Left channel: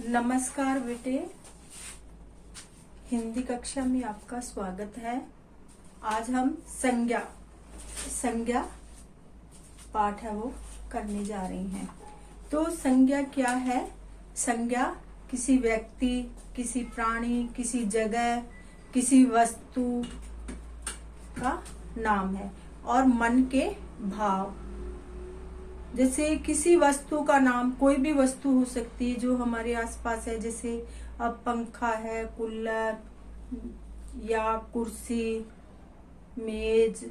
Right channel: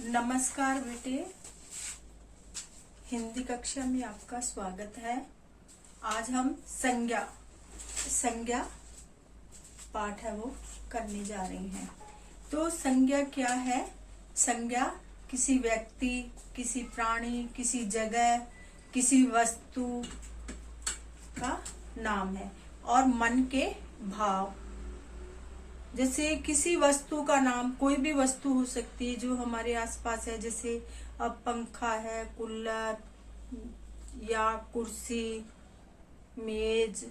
नमस्कार बेटे, हिंदी कक्षा में आपका स्वागत है। आज हम संज्ञा पाठ है वो करने जा रहे हैं। तो संज्ञा क्या है? संज्ञा किसी व्यक्ति, किसी प्राणी, किसी जगह, किसी वस्तु का नाम है और मन के भाव। जैसे किसी वस्तु का नाम, कोई भी वस्तु हो सकती है जो हमारे आसपास है, जैसे अब पंखा है, कूलर या कुर्सी, मेज,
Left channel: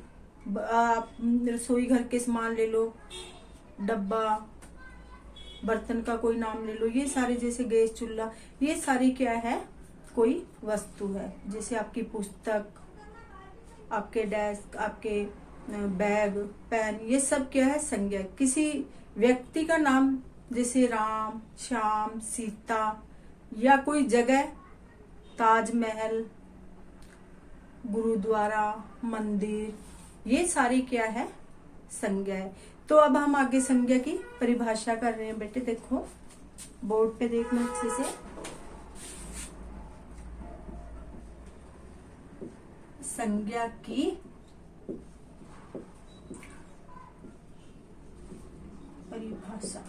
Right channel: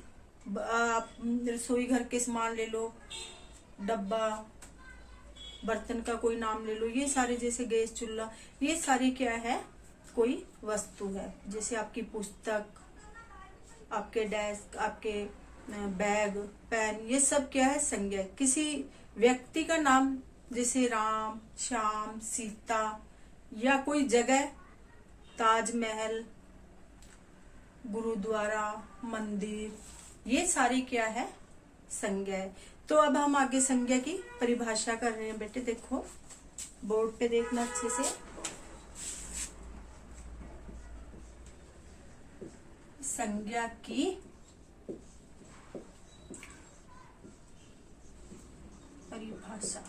आप रसोई घर के सामान ले लो, डब्बा, बर्तन का कोई नाम ले लो। ये सारे, जैसे गैस चूल्हा, ये सारी क्या है? कोई वस्तु है। जैसे आपकी पुस्तक, आपके डेस्क, आपके बैग, पेन, ये सब क्या है? संज्ञा। किसी व्यक्ति का नाम, जैसे राम, श्याम, सीता, या कोई जगह, ताजमहल, गुरुद्वारा, मंदिर, ये सारी क्या है? संज्ञा है। तो अब हम आगे संज्ञा की परिभाषा कर रहे हैं बेटे। देखो बोर्ड पे देखना अच्छे से। संज्ञा की परिभाषा।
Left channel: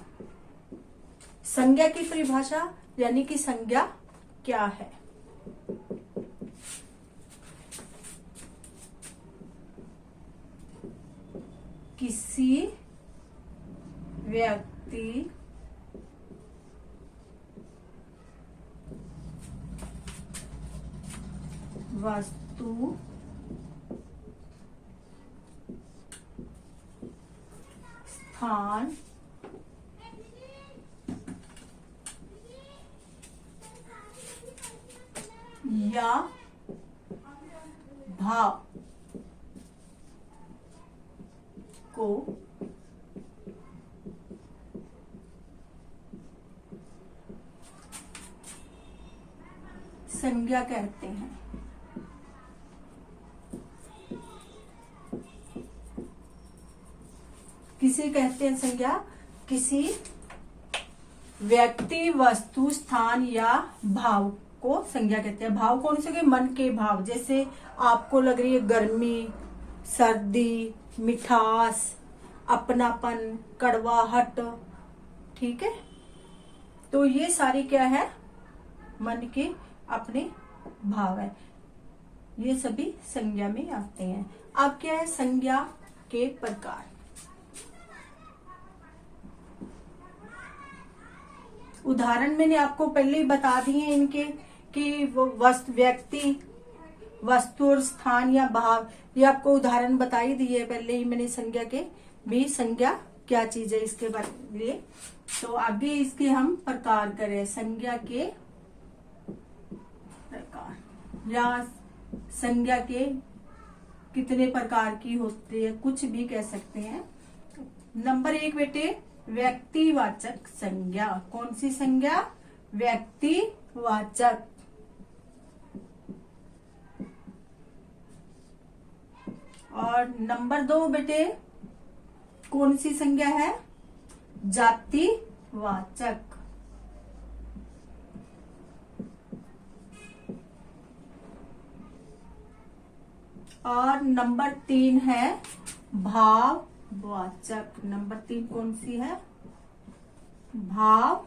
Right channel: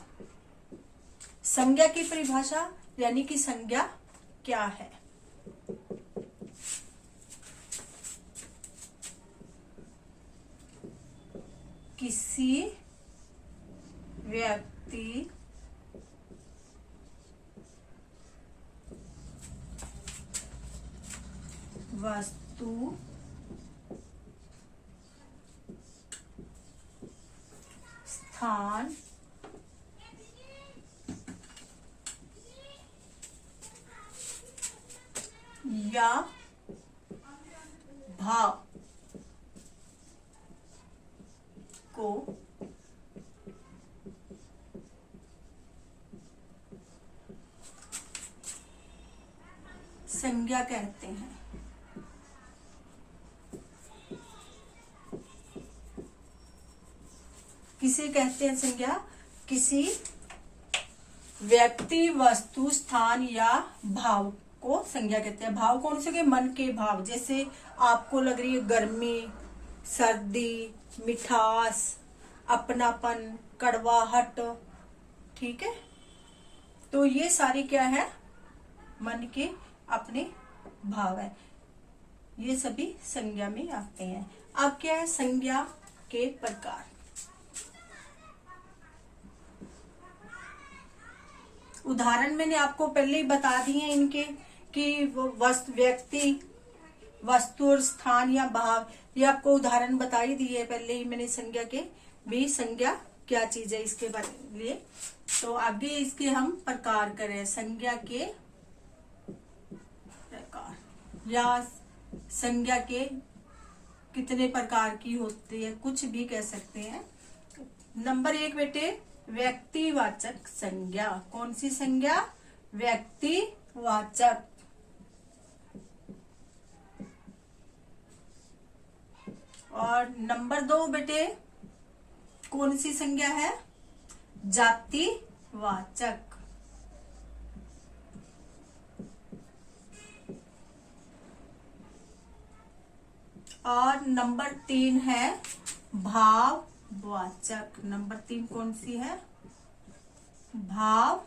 संज्ञा की परिभाषा यानी कि संज्ञा क्या है? किसी व्यक्ति, वस्तु, स्थान या भाव को संज्ञा कहते हैं। किसे कहते हैं संज्ञा? किसी व्यक्ति, वस्तु, स्थान या भाव को संज्ञा कहते हैं। भाव कौन से? मन के भाव। जैसे आपको लग रही है गर्मी, सर्दी, मिठास, अपनापन, कड़वाहट, ठीक है। तो ये सारी क्या है? मन के अपने भाव है। ये सभी संज्ञा में आते हैं। अब क्या है? संज्ञा के प्रकार। उदाहरण मैंने आपको पहले ही बता दिए हैं इनके, कि वो व्यक्ति, वस्तु और स्थान या भाव, ये आपको उदाहरण बता ही दिए पहले ही मैंने। संज्ञा के भी, संज्ञा क्या चीज है इसके बारे में। तो आगे इसके हम प्रकार करें। संज्ञा के प्रकार या संज्ञा के कितने प्रकार की होती है, कुछ भी कह सकते हैं। नंबर 1 बेटे, व्यक्तिवाचक संज्ञा। कौन सी संज्ञा? व्यक्तिवाचक। और नंबर 2 बेटे, कौन सी संज्ञा है? जातिवाचक। और नंबर 3 है भाववाचक। नंबर 3 कौन सी है? भाववाचक।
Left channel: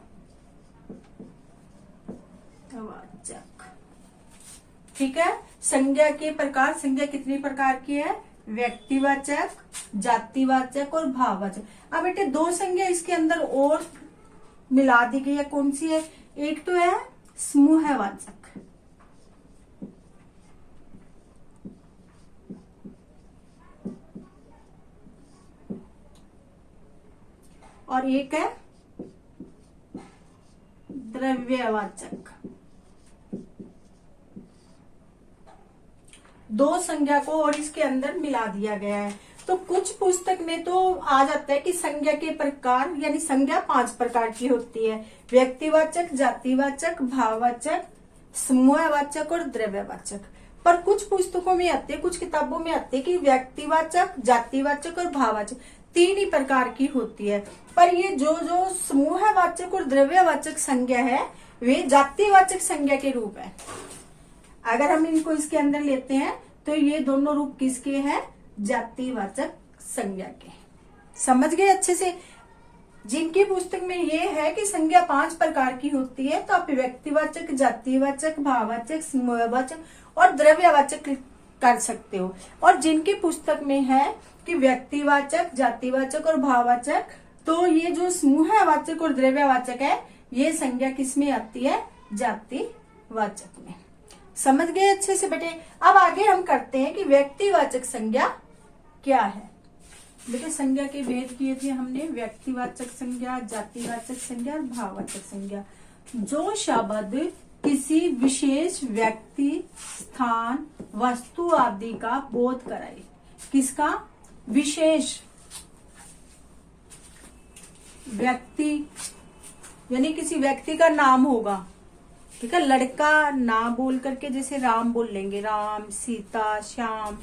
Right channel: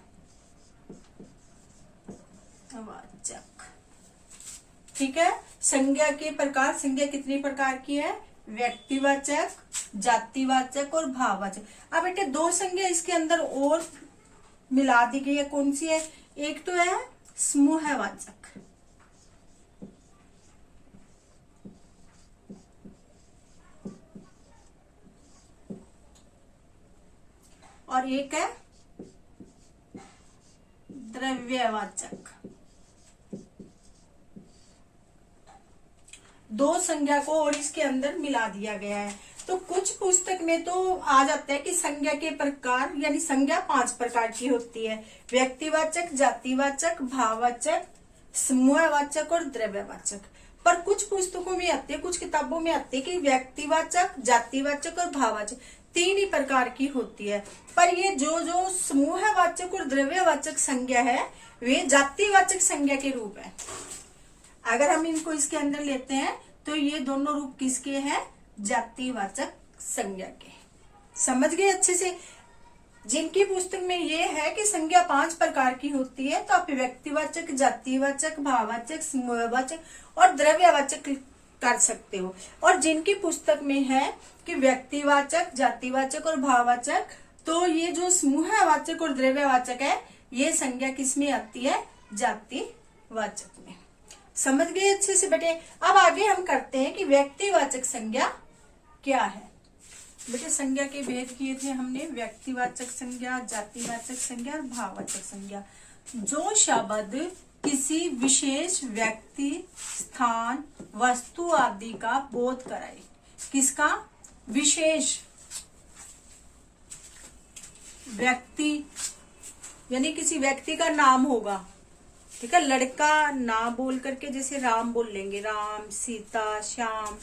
ठीक है। संज्ञा के प्रकार। संज्ञा कितनी प्रकार की है? व्यक्तिवाचक, जातिवाचक और भाववाचक। अब बेटे 2 संज्ञा इसके अंदर और मिला दी गई है। कौन सी है? एक तो है समूहवाचक और एक है द्रव्यवाचक। 2 संज्ञा को और इसके अंदर मिला दिया गया है। तो कुछ पुस्तक में तो आ जाता है कि संज्ञा के प्रकार, यानी संज्ञा 5 प्रकार की होती है। व्यक्तिवाचक, जातिवाचक, भाववाचक, समूहवाचक और द्रव्यवाचक। पर कुछ पुस्तकों में आते, कुछ किताबों में आते कि व्यक्तिवाचक, जातिवाचक और भाववाचक तीन ही प्रकार की होती है। पर ये जो जो समूहवाचक और द्रव्यवाचक संज्ञा है वे जातिवाचक संज्ञा के रूप है। अगर हम इनको इसके अंदर लेते हैं तो ये दोनों रूप किसके हैं? जातिवाचक संज्ञा के। समझ गए अच्छे से? जिनकी पुस्तक में ये है कि संज्ञा 5 प्रकार की होती है, तो आप व्यक्तिवाचक, जातिवाचक, भाववाचक, समूहवाचक और द्रव्यवाचक कर सकते हो। और जिनकी पुस्तक में है कि व्यक्तिवाचक, जातिवाचक और भाववाचक, तो ये जो समूहवाचक और द्रव्यवाचक है ये संज्ञा किसमें आती है? जातिवाचक में। समझ गए अच्छे से बेटे? अब आगे हम करते हैं कि व्यक्तिवाचक संज्ञा क्या है। बेटे संज्ञा के भेद किए थे हमने, व्यक्तिवाचक संज्ञा, जातिवाचक संज्ञा और भाववाचक संज्ञा। जो शब्द किसी विशेष व्यक्ति, स्थान, वस्तु आदि का बोध कराए। किसका? विशेष व्यक्ति, यानी किसी व्यक्ति का नाम होगा, ठीक है। लड़का ना बोल करके जैसे राम बोल लेंगे, राम, सीता, श्याम,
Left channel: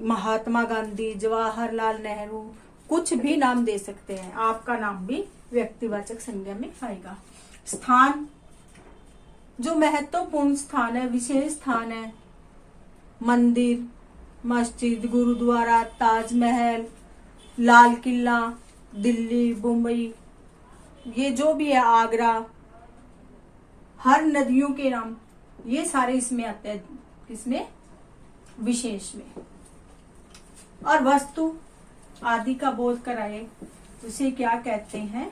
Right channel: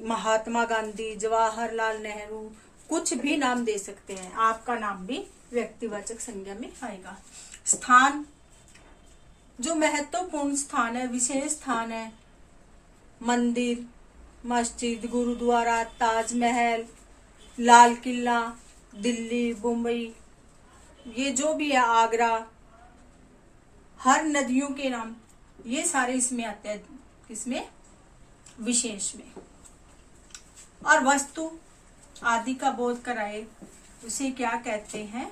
महात्मा गांधी, जवाहरलाल नेहरू, कुछ भी नाम दे सकते हैं। आपका नाम भी व्यक्तिवाचक संज्ञा में आएगा। स्थान, जो महत्वपूर्ण स्थान है, विशेष स्थान है, मंदिर, मस्जिद, गुरुद्वारा, ताजमहल, लाल किला, दिल्ली, मुंबई, ये जो भी है, आगरा, हर नदियों के नाम, ये सारे इसमें आते हैं। किसमें? विशेष में। और वस्तु आदि का बोध कराए उसे क्या कहते हैं?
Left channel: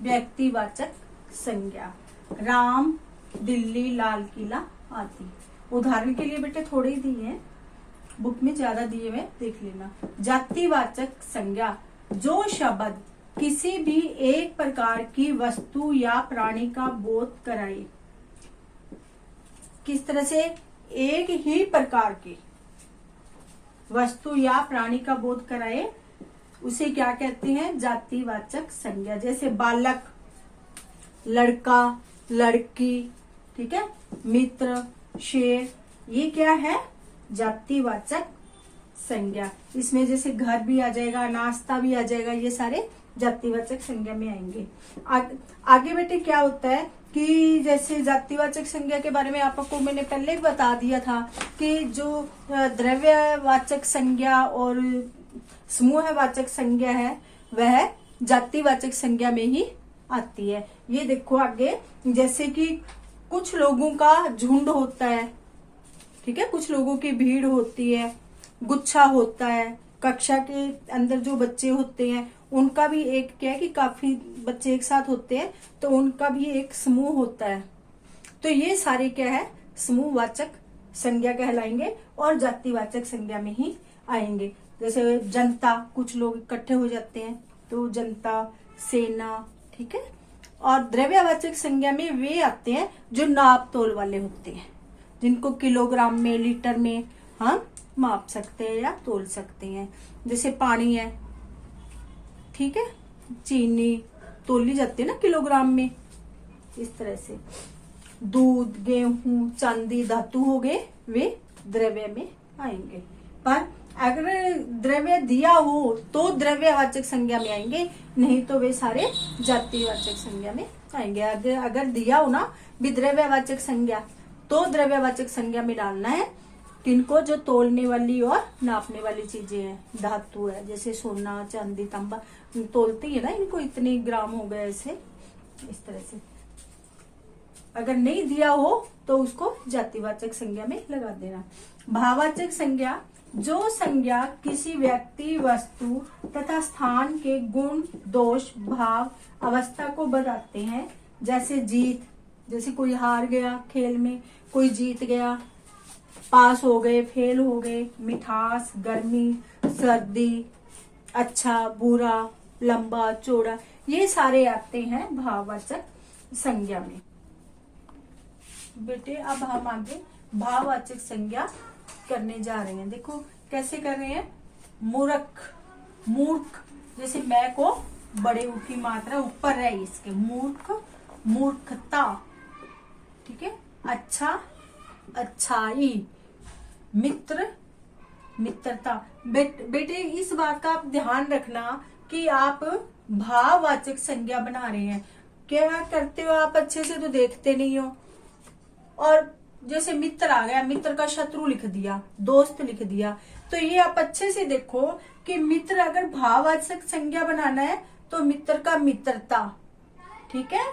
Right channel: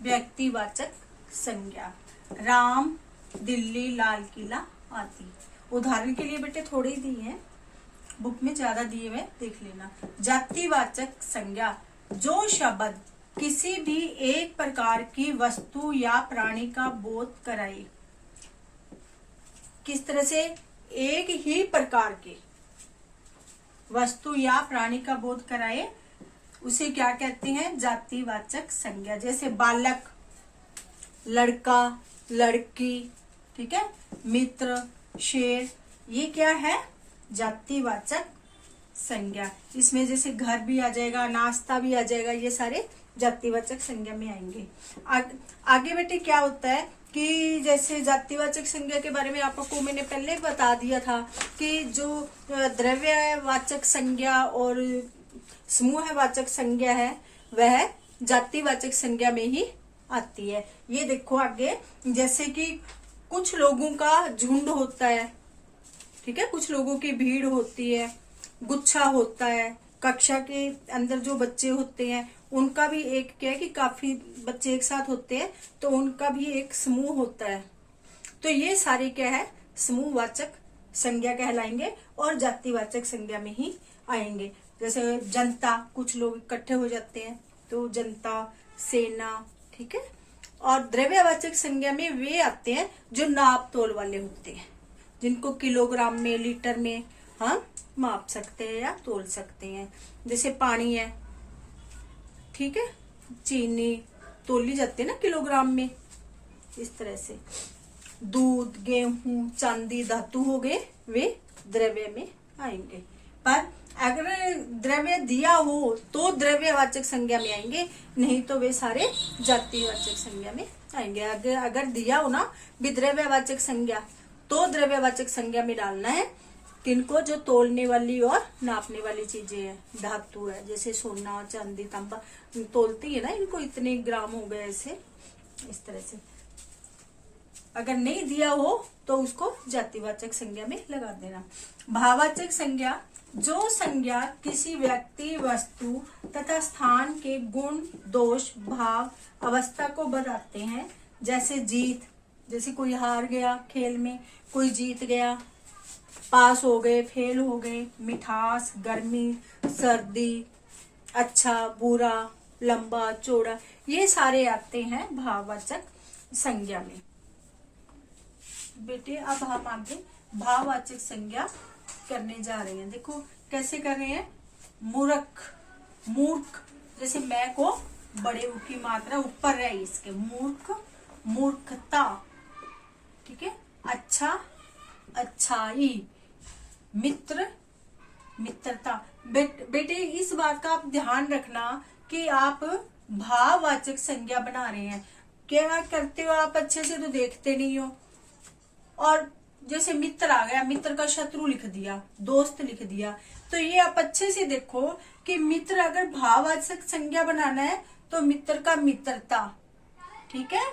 व्यक्तिवाचक संज्ञा। राम, दिल्ली, लाल किला आदि। उदाहरण के लिए बेटे थोड़े ही दिए हैं, बुक में ज्यादा दिए हुए, देख लेना। जातिवाचक संज्ञा, जो शब्द किसी भी एक प्रकार की वस्तु या प्राणी का बोध कराए। किस तरह से? एक ही प्रकार की वस्तु या प्राणी का बोध कराए उसे क्या कहते हैं? जातिवाचक संज्ञा। जैसे बालक, लड़का, लड़की, ठीक है, मित्र, शेर, ये क्या है? जातिवाचक संज्ञा। इसमें जैसे घर भी आ जाएगा, नाश्ता भी आ जाएगा, ये सारे जातिवाचक संज्ञा में आएंगे। आगे बेटे क्या होता है कि जैसे जातिवाचक संज्ञा के बारे में आपको मैंने पहले ही बता दिया था कि जो द्रव्यवाचक संज्ञा और समूहवाचक संज्ञा है वह जातिवाचक संज्ञा में ही आती है। ये देखो आगे, जैसे कि कुछ लोगों का झुंड होता है, ठीक है, कुछ लोगों की भीड़ होती है, गुच्छा होता है, कक्षा के अंदर जो बच्चे होते हैं उनका भी एक क्या है कि काफी बच्चे एक साथ होते हैं, तो उनका भी एक समूह होता है। तो ये सारे क्या है? समूहवाचक संज्ञा कहलाएंगे और जातिवाचक संज्ञा में ही आएंगे। जैसे जनता, कुछ लोग इकट्ठे हो जाते हैं तो जनता, सेना, ठीक है। और द्रव्यवाचक संज्ञा में वे आते हैं जो नाप तोल वाले होते हैं, जिनको किलोग्राम में, लीटर में हम माप सकते हैं या तोल सकते हैं। जैसे पानी है, ठीक है, चीनी तोली जाती है ना किलोग्राम में, इस तरह से। दूध, गेहूं, चांदी, धातु हो गए, वे द्रव्य में आएंगे। पर अगर द्रव्य दिया हो तो द्रव्यवाचक संज्ञा में आएंगे, नहीं तो वे सारे जातिवाचक संज्ञा में आएंगे। अगर दिया हो ना भी द्रव्यवाचक संज्ञा, तो द्रव्यवाचक संज्ञा में डालना है किनको? जो तोलने वाली और नापने वाली चीजें हैं, धातु है, जैसे सोना, चांदी, तांबा, तोलती है ना, इनको इतने ग्राम हो गए, ऐसे इस तरह से। अगर नहीं दिया हो तो उसको जातिवाचक संज्ञा में लगा देना। भाववाचक संज्ञा, जो संज्ञा किसी व्यक्ति, वस्तु तथा स्थान के गुण, दोष, भाव, अवस्था को बताते हैं। जैसे जीत, जैसे कोई हार गया खेल में, कोई जीत गया, पास हो गए, फेल हो गए। मिठास, गर्मी, सर्दी, अच्छा, बुरा, लंबा, चौड़ा, ये सारे आते हैं भाववाचक संज्ञा में। बेटे अब हम आगे भाववाचक संज्ञा करने जा रहे हैं। देखो कैसे कर रहे हैं। मूर्ख, मूर्ख, जैसे मैं को बड़े ऊ की मात्रा ऊपर है इसके, मूर्ख, मूर्खता, ठीक है। अच्छा, अच्छाई। मित्र, मित्रता। बेटे इस बात का आप ध्यान रखना कि आप भाववाचक संज्ञा बना रहे हैं। क्या करते हो आप, अच्छे से तो देखते नहीं हो, और जैसे मित्र आ गया, मित्र का शत्रु लिख दिया, दोस्त लिख दिया। तो ये आप अच्छे से देखो कि मित्र अगर भाववाचक संज्ञा बनाना है तो मित्र का मित्रता, ठीक है।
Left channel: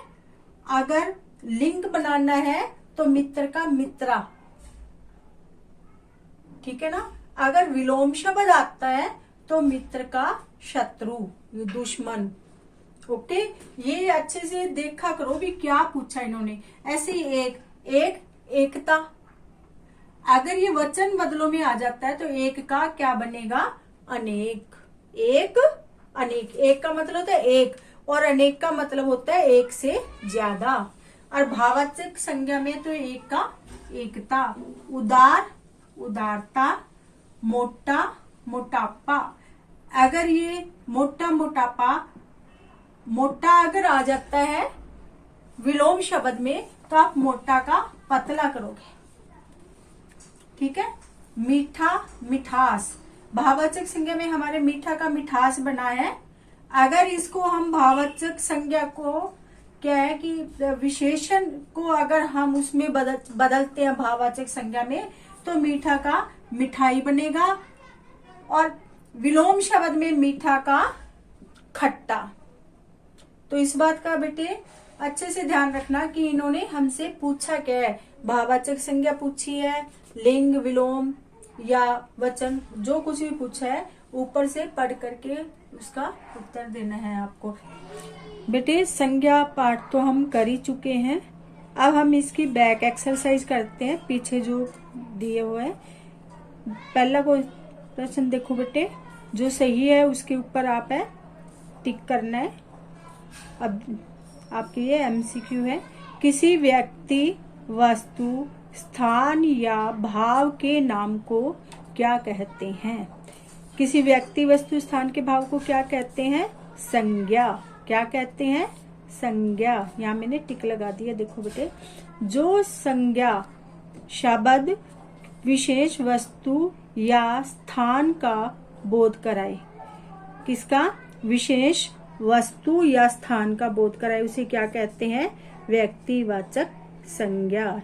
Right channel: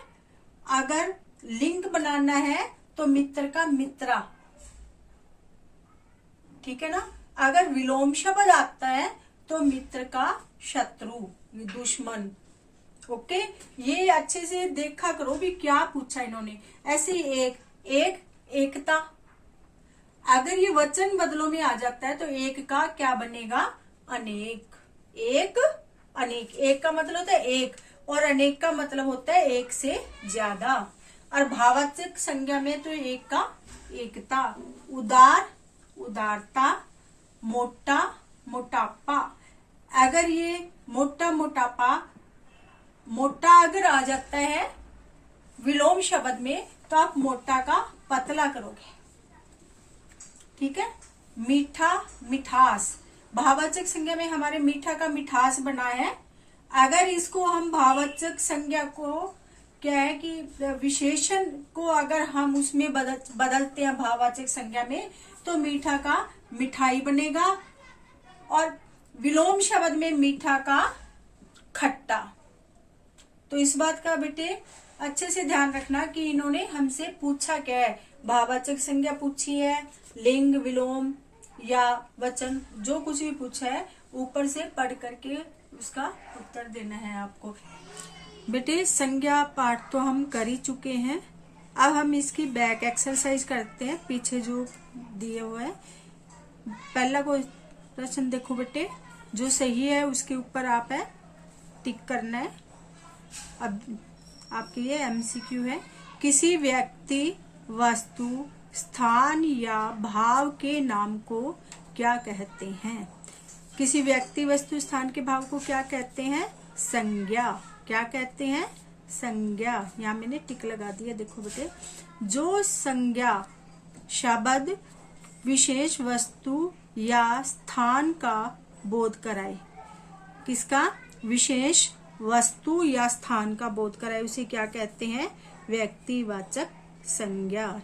अगर लिंग बनाना है तो मित्र का मित्रा, ठीक है ना। अगर विलोम शब्द आता है तो मित्र का शत्रु, ये दुश्मन। ओके, ये अच्छे से देखा करो भी क्या पूछा इन्होंने। ऐसे एक एकता, अगर ये वचन बदलों में आ जाता है तो एक का क्या बनेगा, अनेक। एक अनेक, एक का मतलब होता है एक, और अनेक का मतलब होता है एक से ज्यादा। और भाववाचक संज्ञा में तो एक का एकता, उदार उदारता, मोटा मोटापा। अगर ये मोटा मोटापा, मोटा अगर आ जाता है विलोम शब्द में तो आप मोटा का पतला करोगे, ठीक है। मीठा मिठास, भाववाचक संज्ञा में हमारे मीठा का मिठास बना है। अगर इसको हम भाववाचक संज्ञा को क्या है कि विशेषण को अगर हम उसमें बदलते हैं भाववाचक संज्ञा में तो मीठा का मिठाई बनेगा, और विलोम शब्द में मीठा का खट्टा। तो इस बात का बेटे अच्छे से ध्यान रखना कि इन्होंने हमसे पूछा क्या है, भाववाचक संज्ञा पूछी है, लिंग विलोम या वचन, जो कुछ भी पूछा है ऊपर से पढ़ करके उसका उत्तर देना है आपको। बेटे संज्ञा पाठ तो हम कर ही चुके हैं, अब हम इसकी बैक एक्सरसाइज करते हैं, पीछे जो दिए हुए हैं। पहला क्वेश्चन देखो बेटे, जो सही है उसके ऊपर आप है टिक करना है। अब आपके ये एमसीक्यू है, किसी व्यक्ति वस्तु स्थान या भाव के नाम को क्या कहते हैं। किसी व्यक्ति वस्तु स्थान के भाव को क्या कहते हैं, संज्ञा। क्या कहते हैं, संज्ञा। यहाँ मैंने टिक लगा दिया, देखो बेटे। जो संज्ञा शब्द विशेष वस्तु या स्थान का बोध कराए, किसका, विशेष वस्तु या स्थान का बोध कराए, उसे क्या कहते हैं, व्यक्तिवाचक संज्ञा।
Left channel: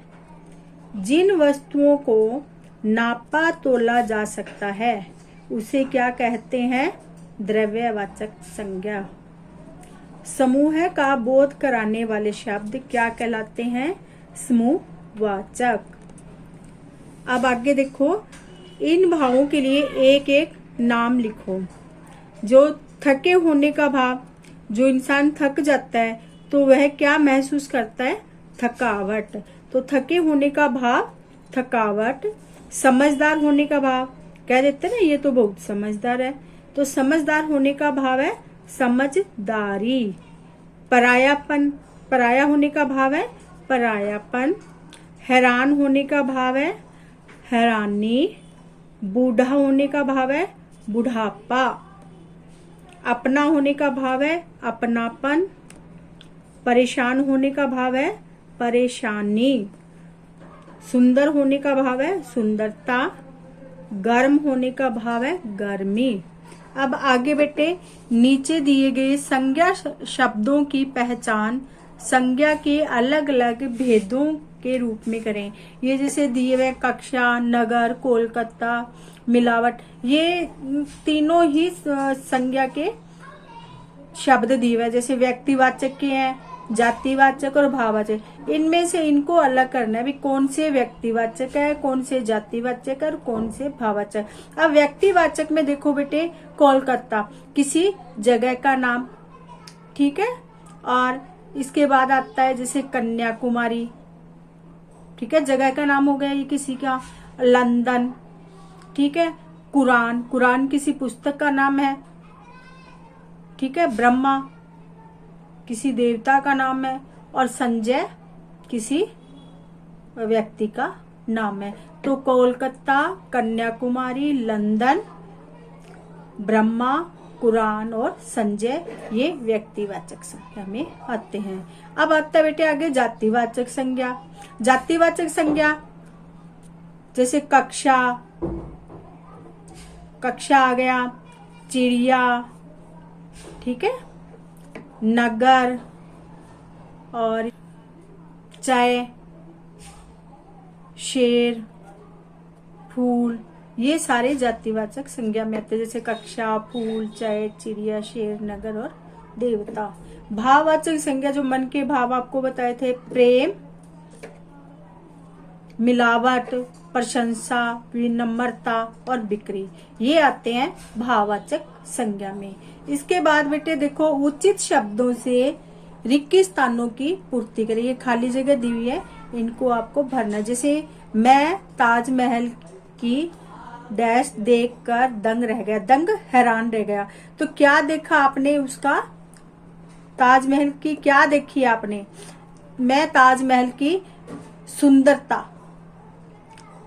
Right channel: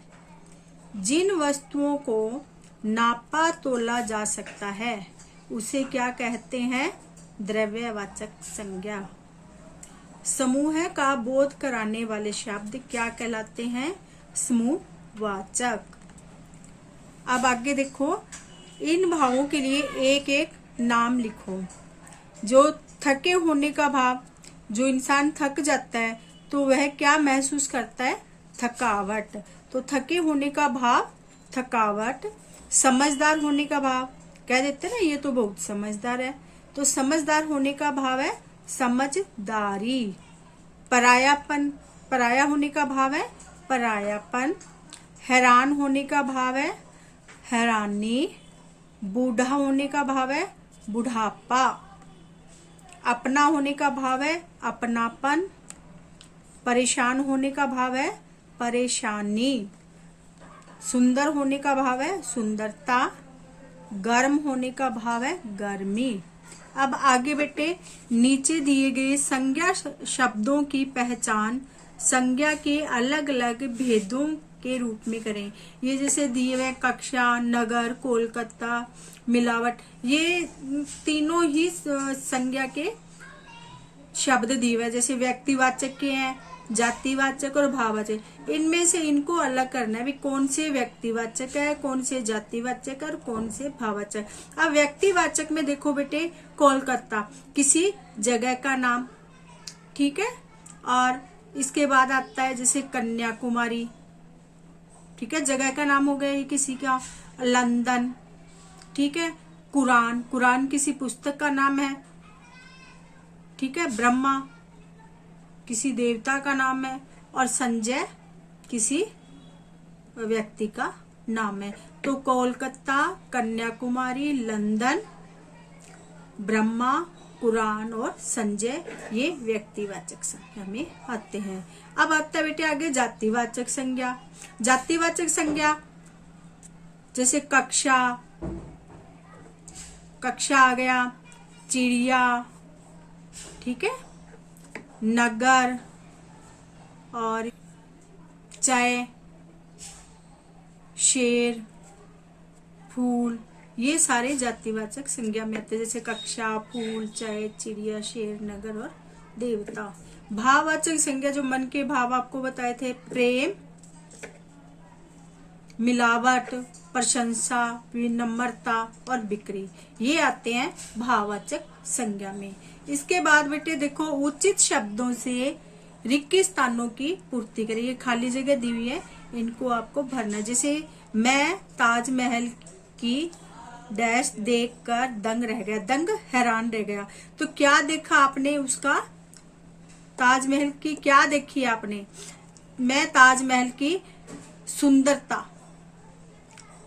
जिन वस्तुओं को नापा तोला जा सकता है उसे क्या कहते हैं, द्रव्यवाचक संज्ञा। समूह का बोध कराने वाले शब्द क्या कहलाते हैं, समूहवाचक। अब आगे देखो, इन भावों के लिए एक एक नाम लिखो। जो थके होने का भाव, जो इंसान थक जाता है तो वह क्या महसूस करता है, थकावट। तो थके होने का भाव थकावट। समझदार होने का भाव, कह देते ना ये तो बहुत समझदार है, तो समझदार होने का भाव है समझदारी। परायापन, पराया होने का भाव है परायापन। हैरान होने का भाव है हैरानी। बूढ़ा होने का भाव है बुढ़ापा। अपना होने का भाव है अपनापन। परेशान होने का भाव है परेशानी। सुंदर होने का भाव है सुंदरता। गर्म होने का भाव है गर्मी। अब आगे बेटे, नीचे दिए गए संज्ञा शब्दों की पहचान संज्ञा के अलग अलग भेदों के रूप में करें। ये जैसे दिए हुए कक्षा, नगर, कोलकाता, मिलावट, ये तीनों ही संज्ञा के शब्द दिए हुए, जैसे व्यक्तिवाचक के हैं, जातिवाचक और भाववाचक। इनमें से इनको अलग करना है भी कौन से व्यक्तिवाचक है, कौन से जातिवाचक और कौन से भाववाचक। अब व्यक्तिवाचक में देखो बेटे, कोलकाता किसी जगह का नाम, ठीक है। और इसके बाद आता है जैसे कन्याकुमारी, ठीक है, जगह का नाम हो गया ये किसी का। लंदन, ठीक है। कुरान, कुरान किसी पुस्तक का नाम है, ठीक है। ब्रह्मा किसी देवता का नाम है, और संजय किसी व्यक्ति का नाम है। तो कोलकाता, कन्याकुमारी, लंदन, ब्रह्मा, कुरान और संजय, ये व्यक्तिवाचक संज्ञा में आते हैं। अब आता है बेटे आगे जातिवाचक संज्ञा। जातिवाचक संज्ञा जैसे कक्षा, कक्षा आ गया, चिड़िया, ठीक है, नगर और चाय, शेर, फूल, ये सारे जातिवाचक संज्ञा में आते हैं, जैसे कक्षा, फूल, चाय, चिड़िया, शेर, नगर और देवता। भाववाचक संज्ञा जो मन के भाव आपको बताए थे, प्रेम, मिलावट, प्रशंसा, विनम्रता और बिक्री, ये आते हैं भाववाचक संज्ञा में। इसके बाद बेटे देखो, उचित शब्दों से रिक्त स्थानों की पूर्ति करें। ये खाली जगह दी हुई है, इनको आपको भरना। जैसे मैं ताजमहल की डैश देखकर दंग रह गया, दंग हैरान रह गया। तो क्या देखा आपने उसका, ताजमहल की क्या देखी आपने? मैं ताजमहल की सुंदरता,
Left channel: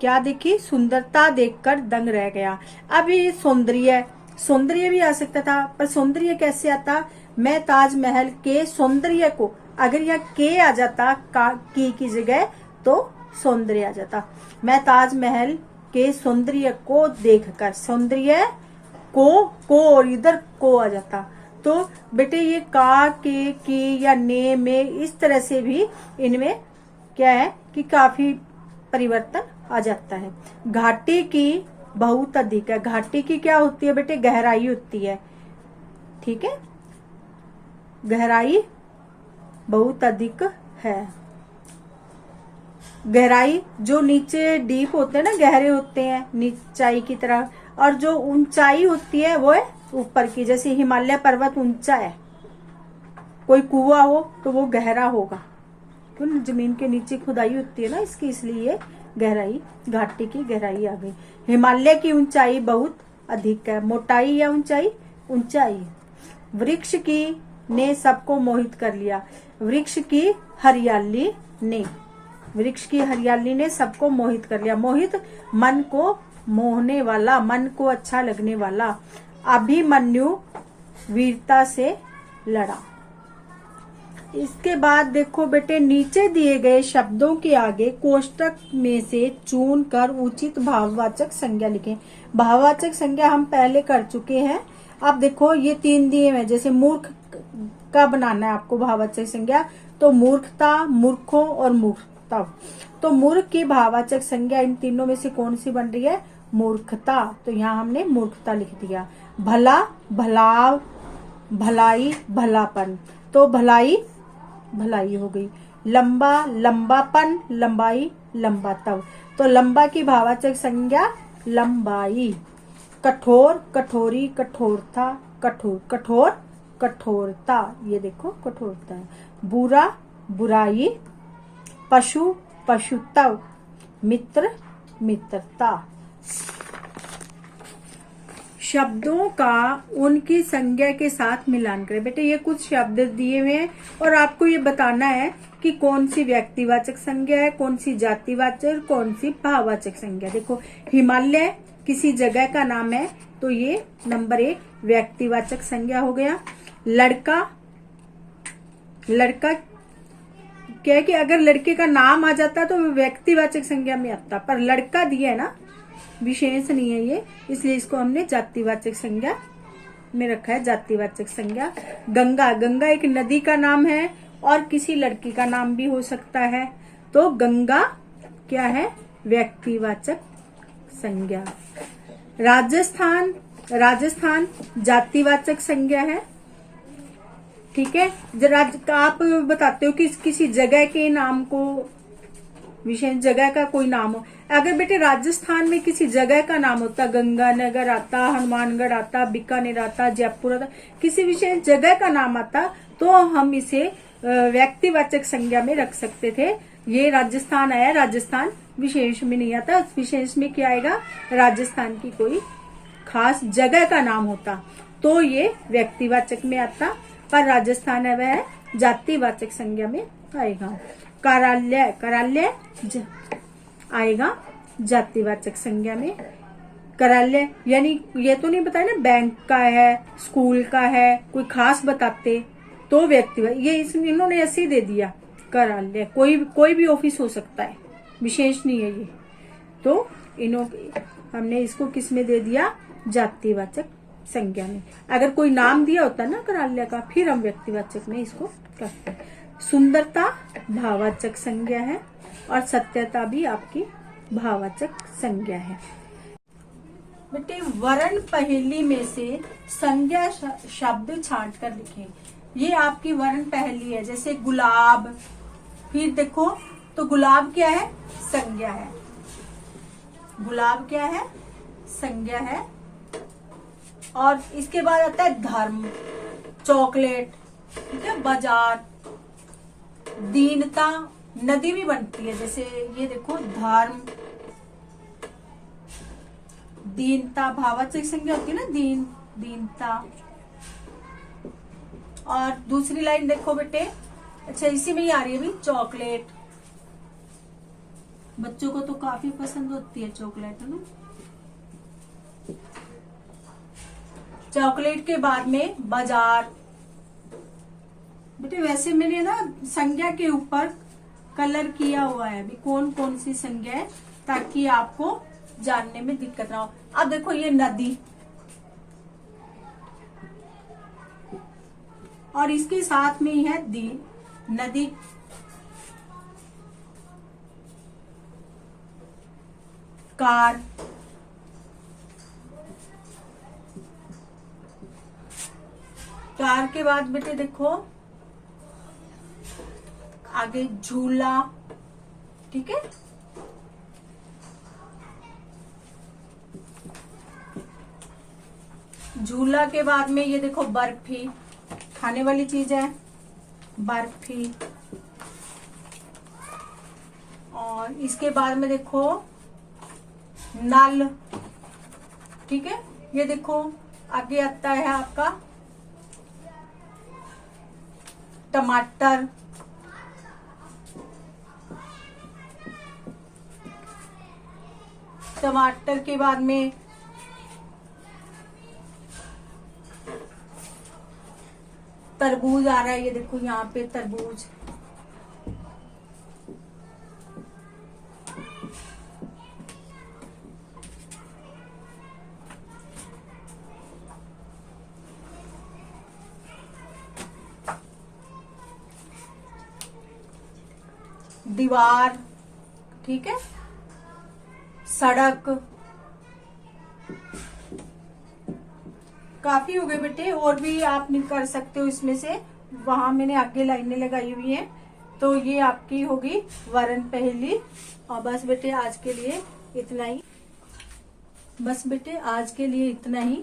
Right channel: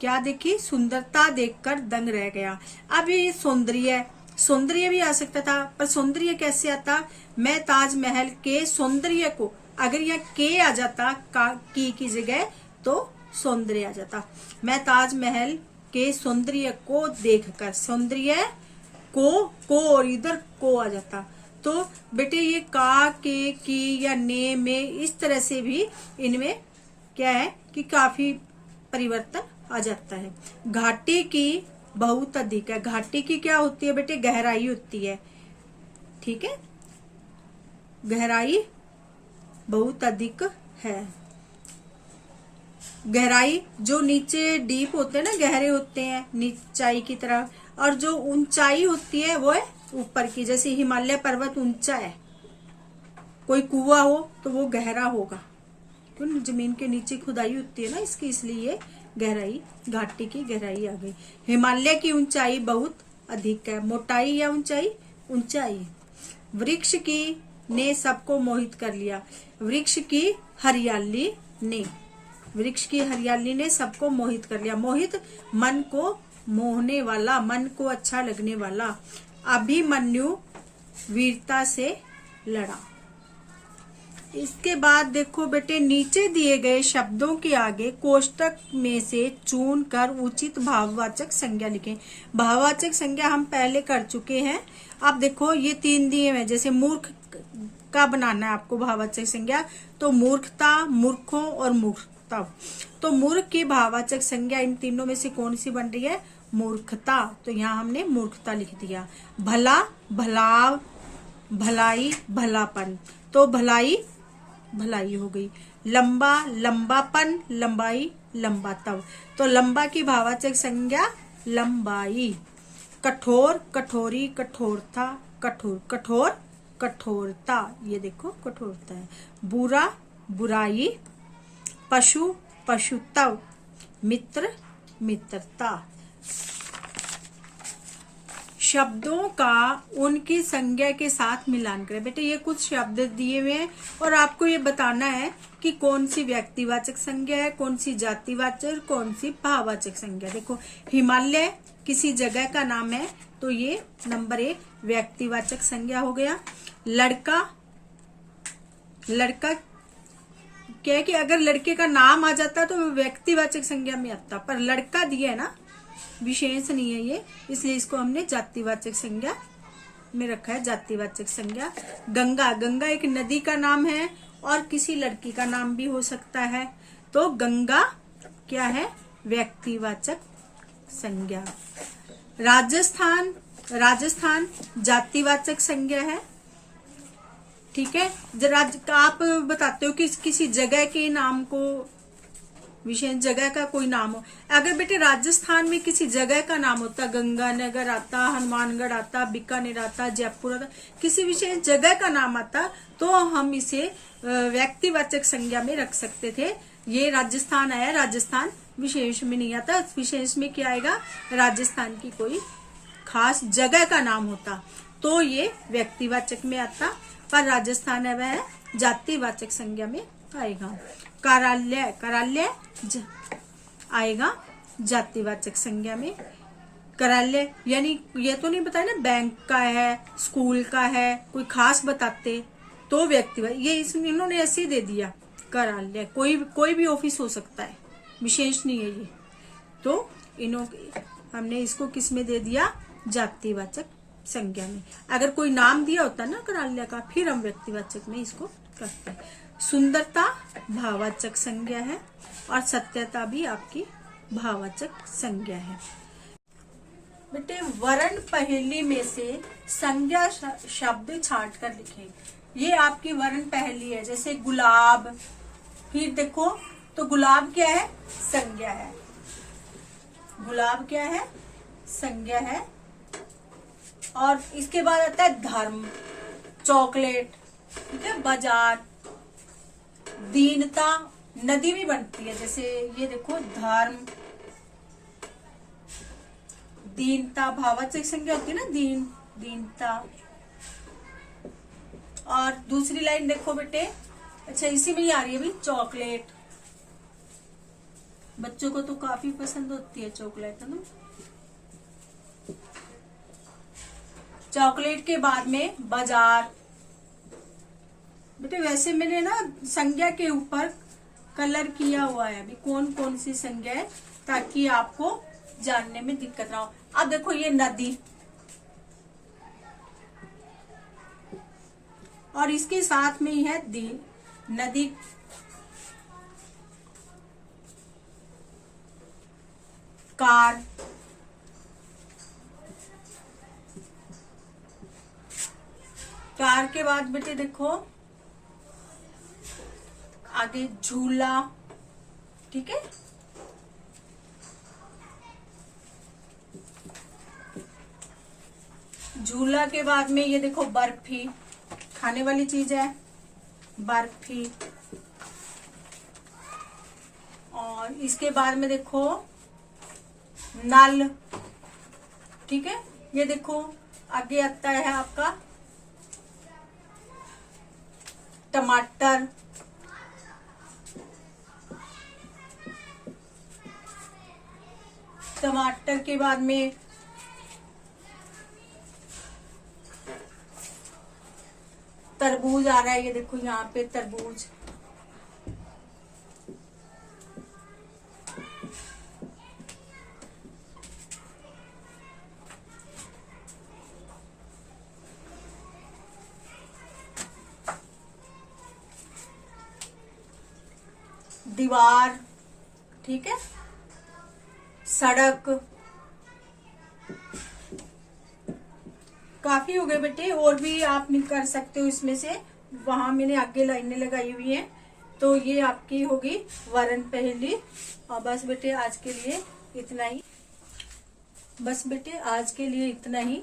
क्या देखी? सुंदरता देखकर दंग रह गया। अब ये सौंदर्य, सौंदर्य भी आ सकता था, पर सौंदर्य कैसे आता? मैं ताजमहल के सौंदर्य को, अगर यहाँ के आ जाता की जगह तो सौंदर्य आ जाता। मैं ताजमहल के सौंदर्य को देखकर, सौंदर्य को और इधर को आ जाता। तो बेटे ये का, के, की या ने में, इस तरह से भी इनमें क्या है कि काफी परिवर्तन आ जाता है। घाटी की बहुत अधिक है, घाटी की क्या होती है बेटे? गहराई होती है, ठीक है, गहराई बहुत अधिक है। गहराई जो नीचे डीप होते हैं ना, गहरे होते हैं नीचाई की तरह, और जो ऊंचाई होती है वो है ऊपर की। जैसे हिमालय पर्वत ऊंचा है, कोई कुआं हो तो वो गहरा होगा, क्यों? जमीन के नीचे खुदाई होती है ना इसकी, इसलिए गहराई, घाटी की गहराई आ गई। हिमालय की ऊंचाई बहुत अधिक है, मोटाई या ऊंचाई? ऊंचाई। वृक्ष की ने सबको मोहित कर लिया, वृक्ष की हरियाली ने, वृक्ष की हरियाली ने सबको मोहित कर लिया। मोहित मन को मोहने वाला, मन को अच्छा लगने वाला। अभिमन्यु वीरता से लड़ा। इसके बाद देखो बेटे, नीचे दिए गए शब्दों के आगे कोष्टक में से चुन कर उचित भाववाचक संज्ञा लिखें। भाववाचक संज्ञा हम पहले कर चुके हैं। अब देखो ये 3 दिए हैं, जैसे मूर्ख का बनाना है आपको भाववाचक संज्ञा, तो मूर्खता, मूर्खों और मूर्खता। तो मूर्ख की भाववाचक संज्ञा इन तीनों में से कौन सी बन रही है? मूर्खता। तो यहाँ हमने मूर्खता लिख दिया। भला, भलाव, भलाई, भलापन, तो भलाई, भलाई हो गई। लंबा, लंबापन, लंबाई, लंबातव, तो लंबा की भाववाचक संज्ञा लंबाई। कठोर, कठोरी, कठोरता, कठोर, कठोर, कठोरता, ये देखो कठोरता है। बुरा, बुराई। पशु, पशुत्व। मित्र, मित्रता। शब्दों का उनकी संज्ञा के साथ मिलान करें। बेटे ये कुछ शब्द दिए हुए हैं और आपको ये बताना है कि कौन सी व्यक्तिवाचक संज्ञा है, कौन सी जातिवाचक, कौन सी भाववाचक संज्ञा। देखो हिमालय किसी जगह का नाम है, तो ये नंबर 1 व्यक्तिवाचक संज्ञा हो गया। लड़का, लड़का क्या है कि अगर लड़के का नाम आ जाता तो व्यक्तिवाचक संज्ञा में आता, पर लड़का दिया है ना, विशेष नहीं है ये, इसलिए इसको हमने जातिवाचक संज्ञा में रखा है, जातिवाचक संज्ञा। गंगा, गंगा एक नदी का नाम है और किसी लड़की का नाम भी हो सकता है, तो गंगा क्या है? व्यक्तिवाचक संज्ञा। राजस्थान, राजस्थान जातिवाचक संज्ञा है, ठीक है। जरा आप बताते हो कि किसी जगह के नाम को, विशेष जगह का कोई नाम हो। अगर बेटे राजस्थान में किसी जगह का नाम होता, गंगानगर आता, हनुमानगढ़ आता, बीकानेर आता, जयपुर आता, किसी विशेष जगह का नाम आता, तो हम इसे व्यक्तिवाचक संज्ञा में रख सकते थे। ये राजस्थान आया, राजस्थान विशेष में नहीं आता, विशेष में क्या आएगा? राजस्थान की कोई खास जगह का नाम होता तो ये व्यक्तिवाचक में आता, पर राजस्थान है वह जातिवाचक संज्ञा में आएगा। कार्यालय, कार्यालय आएगा जातिवाचक संज्ञा में। कार्यालय यानी ये तो नहीं बताया ना बैंक का है, स्कूल का है, कोई खास बताते तो व्यक्तिवाचक, ये इन्होंने ऐसे ही दे दिया कार्यालय, कोई भी ऑफिस हो सकता है, विशेष नहीं है ये, तो हमने इसको किस में दे दिया? जातिवाचक संज्ञा में। अगर कोई नाम दिया होता ना कराल्या का, फिर हम व्यक्तिवाचक में इसको करते हैं। सुंदरता भाववाचक संज्ञा है और सत्यता भी आपकी भाववाचक संज्ञा है। बेटे वर्ण पहेली में से संज्ञा शब्द छांट कर लिखें। ये आपकी वर्ण पहेली है। जैसे गुलाब, फिर देखो तो गुलाब क्या है? संज्ञा है। गुलाब क्या है? संज्ञा है। और इसके बाद आता है धर्म, चॉकलेट, ठीक है, बाजार, दीनता, नदी भी बनती है। जैसे ये देखो धर्म, दीनता भाववाचक संज्ञा होती है ना, दीनता। और दूसरी लाइन देखो बेटे, अच्छा इसी में ही आ रही है भी, चॉकलेट। बच्चों को तो काफी पसंद होती है चॉकलेट, है ना। चॉकलेट के बाद में बाजार। बेटे वैसे मैंने ना संज्ञा के ऊपर कलर किया हुआ है अभी कौन कौन सी संज्ञा है, ताकि आपको जानने में दिक्कत ना हो। अब देखो ये नदी, और इसके साथ में ही है नदी। कार, कार के बाद बेटे देखो आगे झूला, ठीक है। झूला के बाद में ये देखो बर्फी, खाने वाली चीज है बर्फी। और इसके बाद में देखो नल, ठीक है। ये देखो आगे आता है आपका टमाटर, टमाटर के बाद में तरबूज आ रहा है। ये देखो यहाँ पे तरबूज। दीवार, ठीक है, सड़क। काफी हो गए बेटे, और भी आप कर सकते हो इसमें से, वहां मैंने आगे लाइनें लगाई हुई हैं। तो ये आपकी होगी वर्ण पहेली। और बस बेटे आज के लिए इतना ही, बस बेटे आज के लिए इतना ही।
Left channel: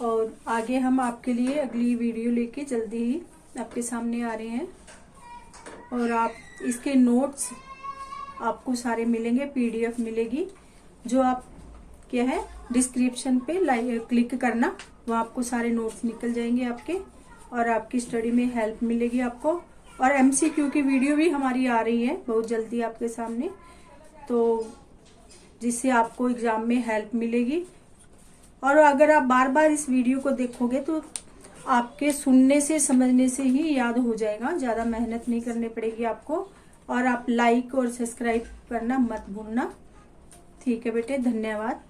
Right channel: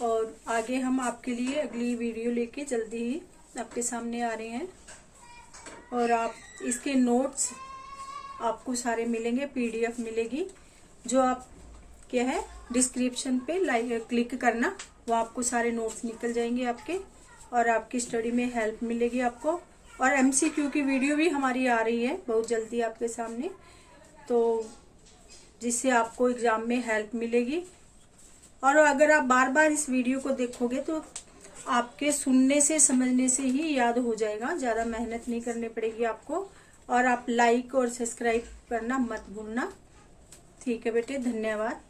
और आगे हम आपके लिए अगली वीडियो लेके जल्दी ही आपके सामने आ रहे हैं। और आप इसके नोट्स आपको सारे मिलेंगे, पीडीएफ मिलेगी, जो आप क्या है डिस्क्रिप्शन पे क्लिक करना, वो आपको सारे नोट्स निकल जाएंगे आपके, और आपकी स्टडी में हेल्प मिलेगी आपको। और एमसीक्यू की वीडियो भी हमारी आ रही है बहुत जल्दी आपके सामने, तो जिससे आपको एग्जाम में हेल्प मिलेगी। और अगर आप बार बार इस वीडियो को देखोगे तो आपके सुनने से समझने से ही याद हो जाएगा, ज्यादा मेहनत नहीं करनी पड़ेगी आपको। और आप लाइक और सब्सक्राइब करना मत भूलना। ठीक है बेटे, धन्यवाद।